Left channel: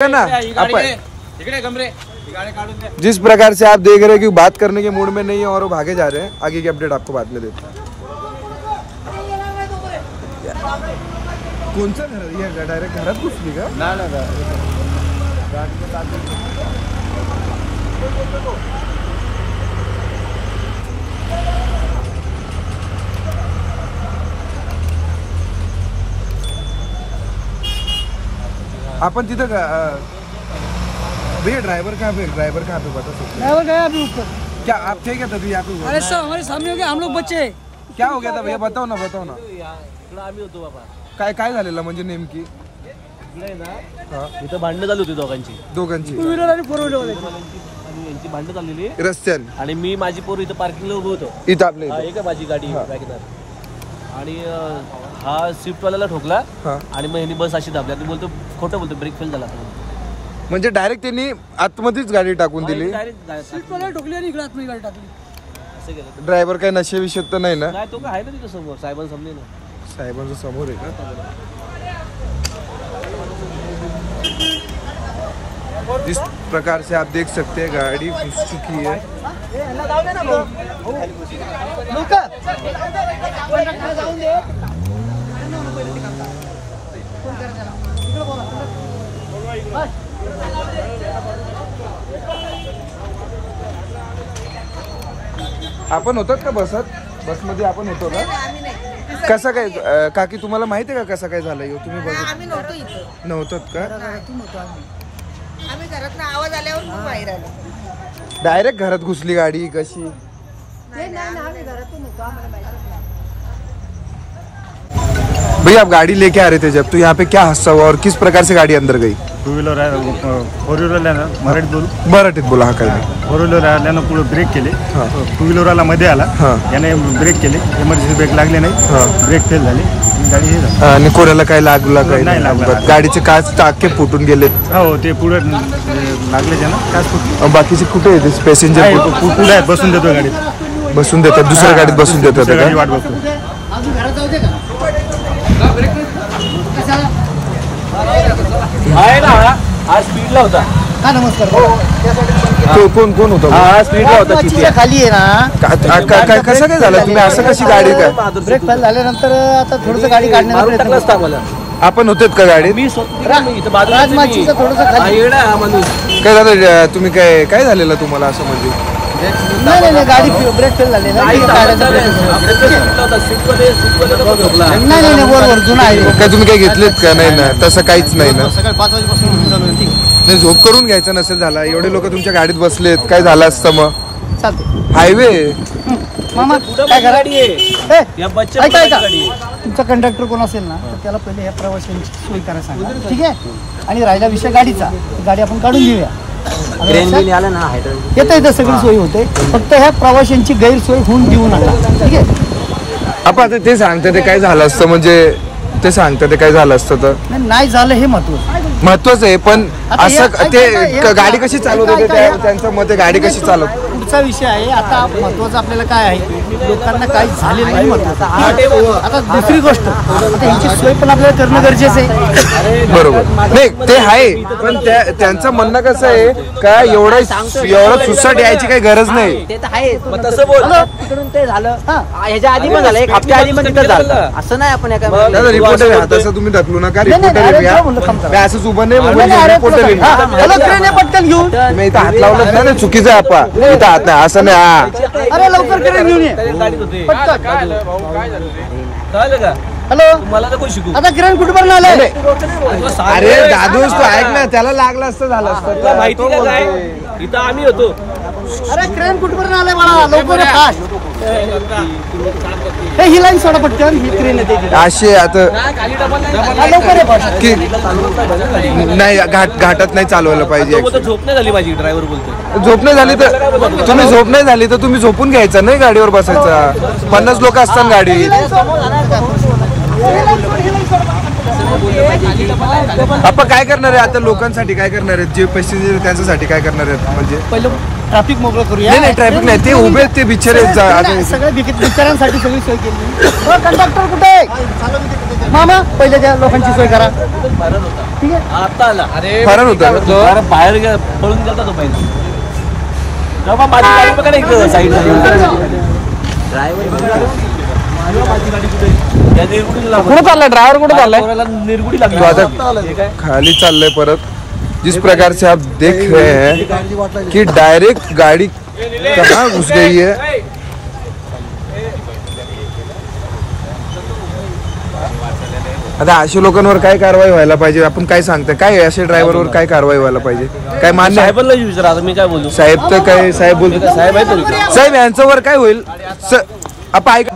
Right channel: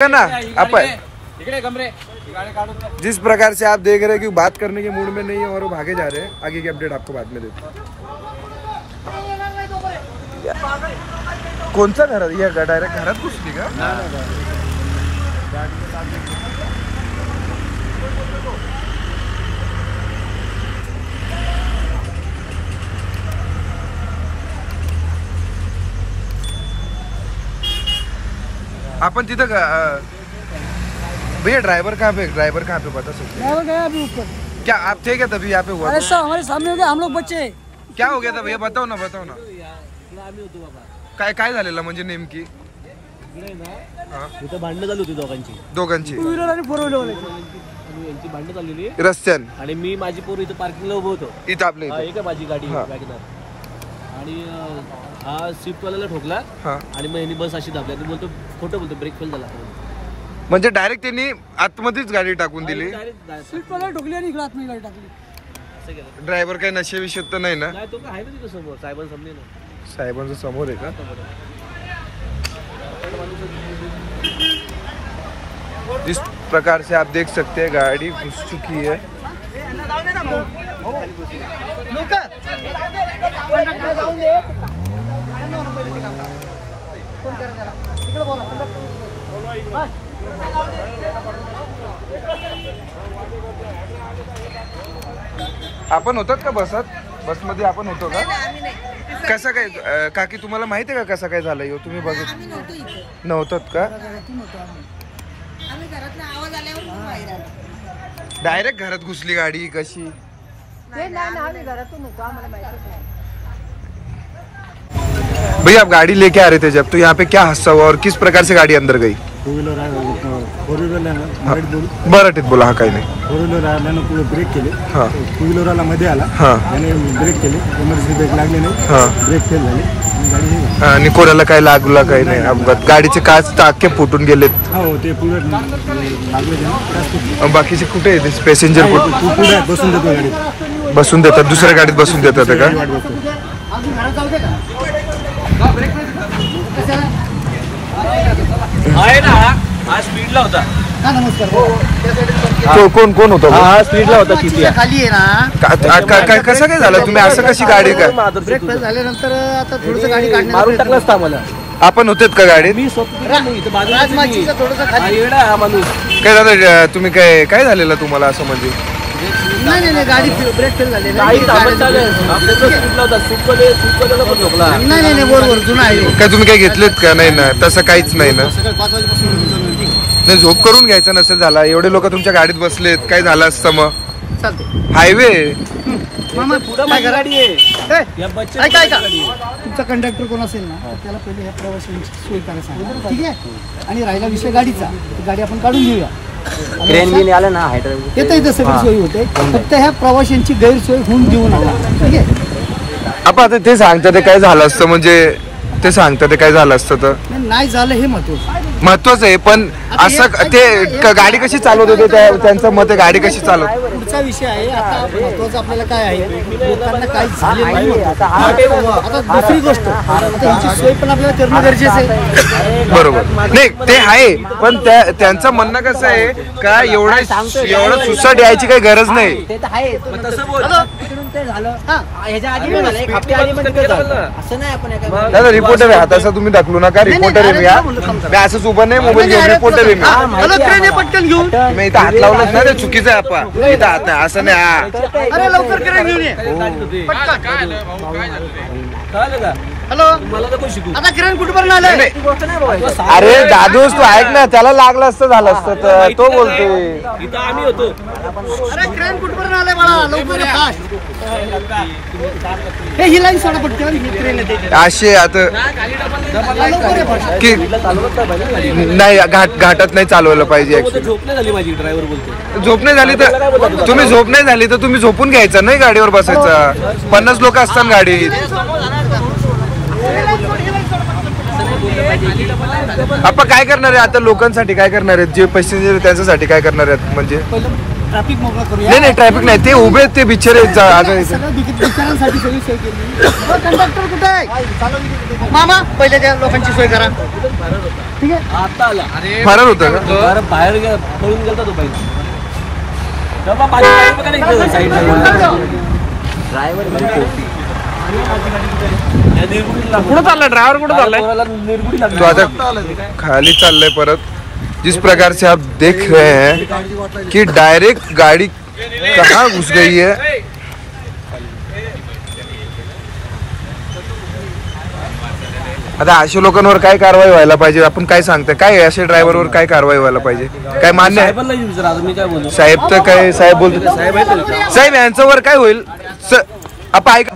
ना जिस प्रकार से आप देख रहे हैं कि बात करने के मूड में नहीं है और वो भागे जा रहे हैं। आगे की अपडेट आपको बाद में देते हैं। कौन सा घर है? डायरेक्ट घरात घुसली का? अपन तिथं भैया ड्राइवर कहाँ पे बता सकते? ड्राइवर गया अभी ऊपर। क्या आप थे क्या तभी यहाँ पे हुआ? अरे सब हमारे सामने हो गया, हम लोग बच्चे। क्या हो गया था भैया? बताओ ना काय झालेलं म्हणजे नेमकी? इथं भांडणं चालू होती दोघांची टू व्हीलर आणि फोर व्हीलर आणि यांची भांडणं चाललेली रस्त्यान आणि मी माझी पोर इथं पार्किंगला उभं होतो इथं आपल्या इथे माझी गाडी आणि हा स्विफ्ट वाल्याला ठोकला आणि मग ह्यांनी बस अशी दाबली. मी बोलतो खोटं बोलतो, ब्रेक फेल झाला. म्हणजे डायरेक्ट त्यांनी आतमध्येच गाडी टाकून दिली. स्विफ्ट वाला ठोकली आणि इकडे आतमध्ये गाडी टाकली. ड्रायव्हर काय नशेविषयी तर नाही ना? नाही, तो काय आहे ना तिथे समोर साहेबांसमोर ना. साहेबांच्या समोर आहे का? इस प्रकार से आप देख सकते हैं गाड़ी घुस चुकी है. आपण होतात का बस मध्ये? आपण होतो का? कसं काय काकी तुम्हाला माहिती आहे का कसं काय झालं? तुम्ही बघत नव्हतात का? आम्ही घरातून आवाज आल्यावर बाहेर आलो. डायरेक्ट घरात घुसली गाडी कशी? भैया आप गाड़ी लेके आ रहे थे जब, तो यहाँ पे क्या हादसा हुआ और किस प्रकार से गाड़ी अंदर गई? टू व्हीलर आहे, फोर व्हीलर आहे ना, मराठीत बोला. हा काही नाही. फोर व्हीलर आल्यानं पुढे ब्रेक केले, टू व्हीलरला मध्ये आला, याने ब्रेक केले, इमर्जन्सी ब्रेक लागले नाही, ब्रेक फेल झाले, गाडी हे झाली. आणि कोणाला काय लागला काही नाही अपघात? गाडीचे काच टाके फुटून गेलेत. हो, ते पुढे लागले ज्यांना काच फुटले. बाकीचे कुठे आहेत पॅसेंजर? पुढे आहेत, बसून देतो गाडीत. बसून देतात, दुसऱ्या गाडीत बसून देतात का? वाट बघतो. आहे ना, हा स्पीडला होता. नमस्कार. कोण होता? हा स्पीडला होता. खाली आहे ना. कसं काय झालं? तुम्ही असं कशी गाडी काय? ब्रेक फेल झाल्यानंतर आता थोडंसं गाडी काढण्याचा प्रयत्न टाकलाच आम्हाला. आपण होतेत का गाडीत? मी स्वतः इथं बाजूला थोडंसं हा येडा हा माणूस. काय झालं? तुम्ही काय झालेलं तुम्हाला असं म्हणजे? नाही गाडी ब्रेक फेल झाली. काय तुम्ही काय घेतलेत का? नाही ना, तसं काहीच नाही ना. सकाळी 5 वाजेपासून नाही, झोप करून घ्यायचं नसेल झाला. एवढे लोक तुमच्या गाडीत बसलेत, काय झालं असतं मग? हायवे तुमचा कंडक्टर कोण असेल ना, त्याला पहिले ह्या प्रवाशांची सोय करायला सांगा, ठीक आहे? आणि राहिला विषय गाडीचा, गाडी आपण काढून घेऊया. येतं इथं सगळी सोय होते, फक्त ह्या प्रवाशांची गैरसोय होऊन देऊ नका, ठीक आहे? आपण आता ते सांगता ते काय झालं असतं म्हणजे ते सांगता ते काय झालं असतं तर नाही झालं हे महत्वाचं आहे. पण असं ते गाडी कशी चालवत होते त्यांचं मत आहे, गाडी कशी चालवत? पुढचा विषय आहे. आता महत्वाचं आपल्याला काय आहे, लोकांना काही झालेलं नाही महत्वाचं. आता दुसरी गोष्ट, आता यांची सोय पण आपल्याला करणं गरजेचं आहे. बरोबर. नाही ते आहे, पण त्यांचं म्हणणं कसं आहे का एवढं सुसाट यायची काही गरज नाही. ते तर आहे, तिकडून ते झालं, ह्याच्या आधी पण झालं, एक हप्त्या आधी पण तिथं झालं. असं नाही आपण रिपोर्टर आहे, तसं तुम्ही दाखवू नका. रिपोर्टर आहे मी असंच उभं नाही, मोबाईल घेऊन रिपोर्टर आहे मी. पटकन घेऊ. तुम्ही इथं हात लावलंच ना, ते चुकीचं आहे. आपण इथं हात नाही असं नाही. अरे लवकर क्रेन घेऊन ये. हॅलो, आता क्रेन कुठपर्यंत आले? अरे दादूस तू ऐक ना, त्याला लागलं असतं झालं असतं तर तो बोलतोय. इथं आम्ही होतो. अरे क्रेन कुठपर्यंत आले मला? लवकर फास्ट. ही लाईन सोडा पटकन, ही क्रेन येते असे आता की नाही घाटात नाही चालवायला पाहिजे. झोप नाही झाली माझी, ड्रायव्हर बोलतो. झोप नाही झाली तर तुम्ही झोप नाही झाली तर तुम्ही झोपून घ्यायचं नाही, गाडीवर बसायचा. 50 लोक असतात गाडीत. आपण काय करणार आहे आता? लोकांसाठी काय करणार आहेत? जे पैसेंजर त्यांच्यासाठी काय करणार आहेत म्हणजे? पहिलं ट्रॅफिक मोकळं करूया. नाही ट्रॅफिक नाही, ते उभे ते बिचारे सगळ्या बिचारांसाठी सगळी सोय केली. कंडक्टर कुठे आहे मामा? पहिले त्या लोकांची सोय करा. ठीक आहे, आता आला. फरार होता का? अरे बाहेर पळून गेला तो पहिला. जेव्हा माझी गाडी बघा ना इकडे साईड कुठे चालला ड्रायव्हर? कुठे चाललाय? निर्गुडी तो आता खाली चाललंय परत. जिस प्रकार से आप देख रहे हैं कि डायरेक्ट गाड़ी कहाँ घुस गई है. आता अशा लोकांवर काय कारवाई व्हायला पाहिजे? आपण काय सांगताय? काय अशा ड्रायव्हरवर काय कारवाई व्हायला पाहिजे? काय मान्य आहे? विचारा मी काय बोलू. साहेब तर काय साहेब बोलतो. साहेब यांच्यावर काय होईल? आपण ऐका.